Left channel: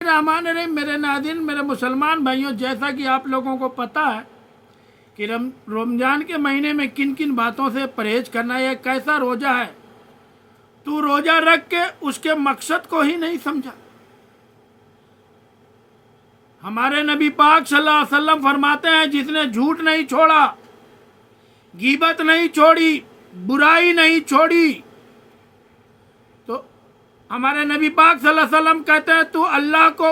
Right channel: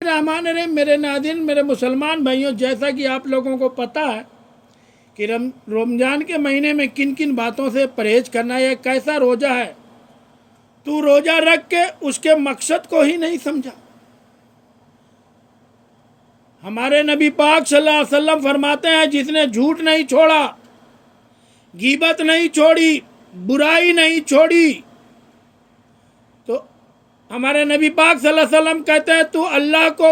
رحمان الرحیم میرے ناظرین، میرے مسلمان بھائیوں، جیسا کہ آپ لوگوں کو پتہ ہے کہ رمضان کے مہینے میں کن کن باتوں سے پرہیز کرنا، یہ کیسا روزہ ہے۔ تو روزہ رکھ کے اس کے مقصد کو ہی نہیں سمجھا۔ ہمارے نبی پاک صلی اللہ علیہ وسلم فرماتے ہیں، جس نے جھوٹ نہیں چھوڑا، غیبت نہیں چھوڑی، برائی نہیں چھوڑی، تو ہمارے نبی پاک صلی اللہ علیہ وسلم کہتے ہیں تو اللہ کو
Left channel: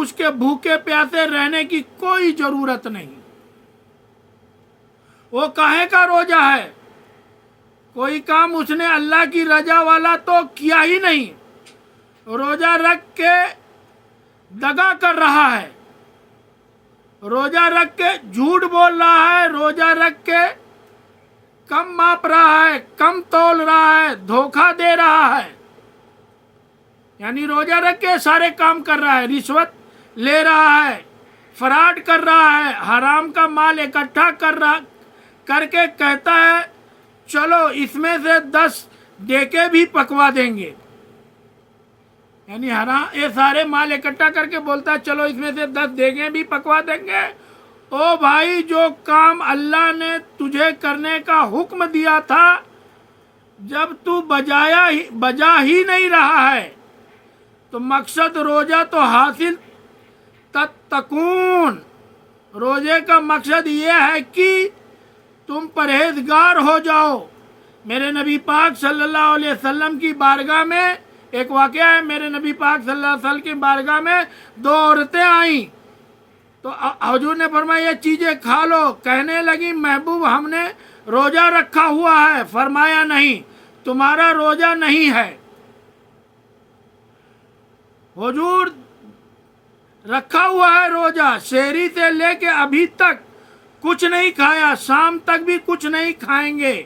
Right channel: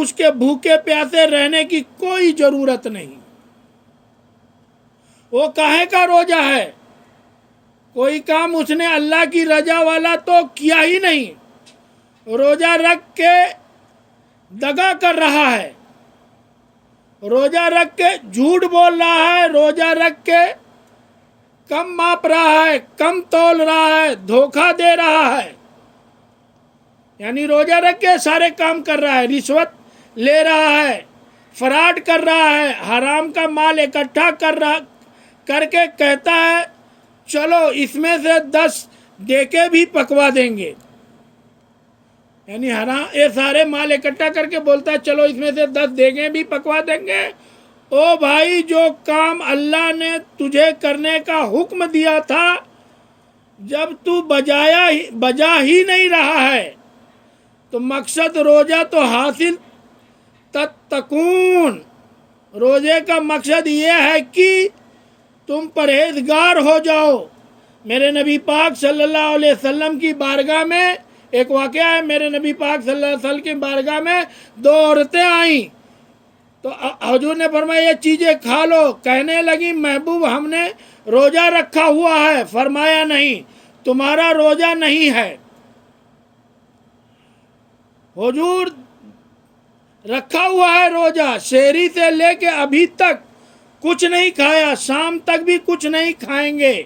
اس کے بھوکے پیاسے رہنے کی کوئی ضرورت نہیں۔ وہ کاہے کا روزہ ہے؟ کوئی کام اس نے اللہ کی رضا والا تو کیا ہی نہیں، روزہ رکھ کے دغا کر رہا ہے، روزہ رکھ کے جھوٹ بول رہا ہے، روزہ رکھ کے کم ماپ رہا ہے، کم تول رہا ہے، دھوکہ دے رہا ہے، یعنی روزہ رکھ کے سارے کام کر رہا ہے، رشوت لے رہا ہے، فراڈ کر رہا ہے، حرام کا مال اکٹھا کر کے کہتا ہے چلو اس میں سے 10 دے کے بھی پکوا دیں گے، یعنی حرام یہ سارے مال اکٹھا کر کے بولتا ہے چلو اس میں سے 10 دے گے بھی پکوا دیں گے۔ او بھائی، جو کام اللہ نے تجھے کرنے کا حکم دیا تھا، جب تو بجا ہی نہیں رہا ہے تو مقصد روزہ تو حاصل تتقون، روزے کا مقصد یہ ہے کہ تم پرہیزگار ہو جاؤ۔ میرے نبی پاک صلی اللہ علیہ وسلم کی بارگاہ میں ایک واقعہ ہے، میرے نبی پاک صلی اللہ علیہ وسلم کی بارگاہ میں 2 عورتیں آئیں تو حضور نے فرمایا یہ چیزیں کھا لو، کہنے لگی محبوب ہم نے روزہ رکھا ہوا ہے، فرمایا نہیں، تمہارا روزہ نہیں ہے۔ حضور رکھا ہوا ہے روزہ، شہری سے لے کے ابھی تک کچھ نہیں کھایا، شام تک بھی کچھ نہیں کھائیں گے۔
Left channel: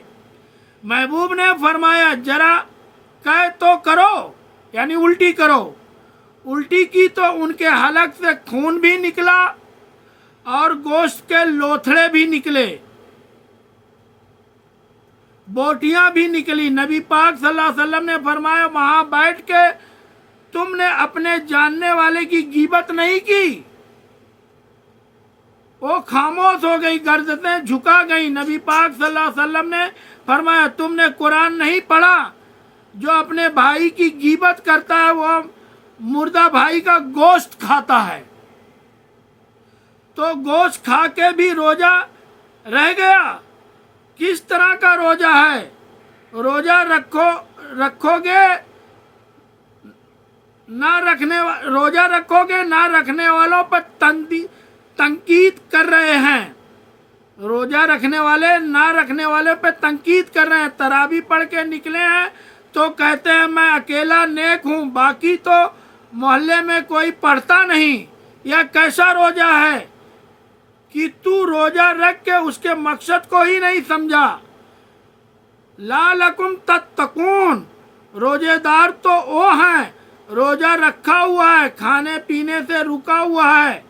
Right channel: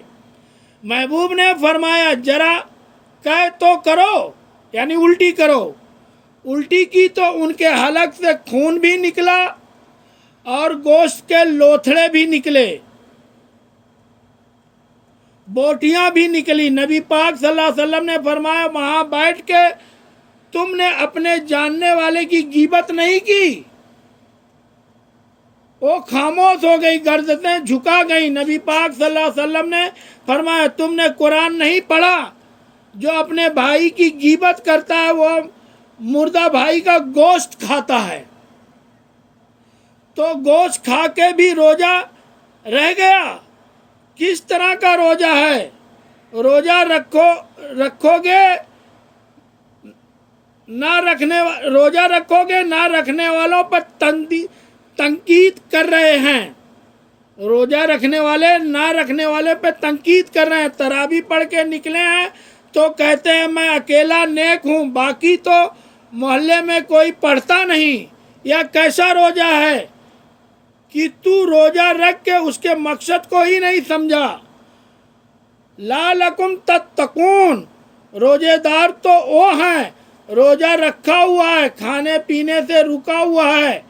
محبوب نے فرمایا ذرا کہے تو کرو، یعنی الٹی کرو۔ الٹی کی تو ان کے حلق سے خون بھی نکلا اور گوشت کے لوتھڑے بھی نکلے، بوٹیاں بھی نکلی۔ نبی پاک صلی اللہ علیہ وسلم نے فرمایا وہاں بیٹھ کے تم نے اپنے جاننے والے کی غیبت نہیں کی۔ وہ خاموش ہو گئی، گردنیں جھکا گئی۔ نبی پاک صلی اللہ علیہ وسلم نے فرمایا تم نے قرآن نہیں پڑھا؟ جو اپنے بھائی کی غیبت کرتا ہے وہ مردہ بھائی کا گوشت کھاتا ہے، تو گوشت کھا کے بھی روزہ رہ گیا۔ کس طرح کا روزہ ہے؟ روزہ رکھو گے نہ رکھنے والوں پر تنقید کر رہے ہیں۔ روزہ رکھنے والے نہ رکھنے والے پہ تنقید کر رہے ہیں۔ تراویح پڑھ کے نکلے ہیں تو کہتے ہیں میں اکیلا نیک ہوں، باقی تو محلے میں کوئی پڑھتا نہیں۔ یا کیسا روزہ ہے کہ تو روزہ رکھ کے اس کے مقصد کو ہی نہیں سمجھا۔ لعلکم تتقون، روزے دار تو وہ ہیں، روزہ رکھا ہوا ہے، کھانے پینے سے رکا ہوا ہے،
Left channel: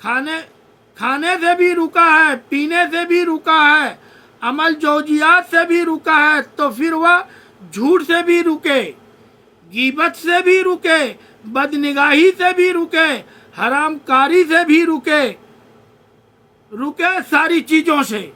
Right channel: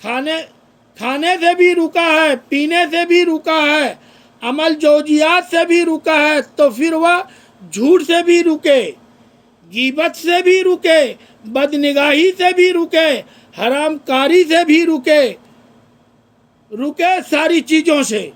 کھانے سے بھی رکا ہے، پینے سے بھی رکا ہے، عمل جوجیات سے بھی رکا ہے، تو پھر وہ جھوٹ سے بھی رکے، غیبت سے بھی رکے، بدنگاہی سے بھی رکے، حرام کاری سے بھی رکے ساری چیزوں سے۔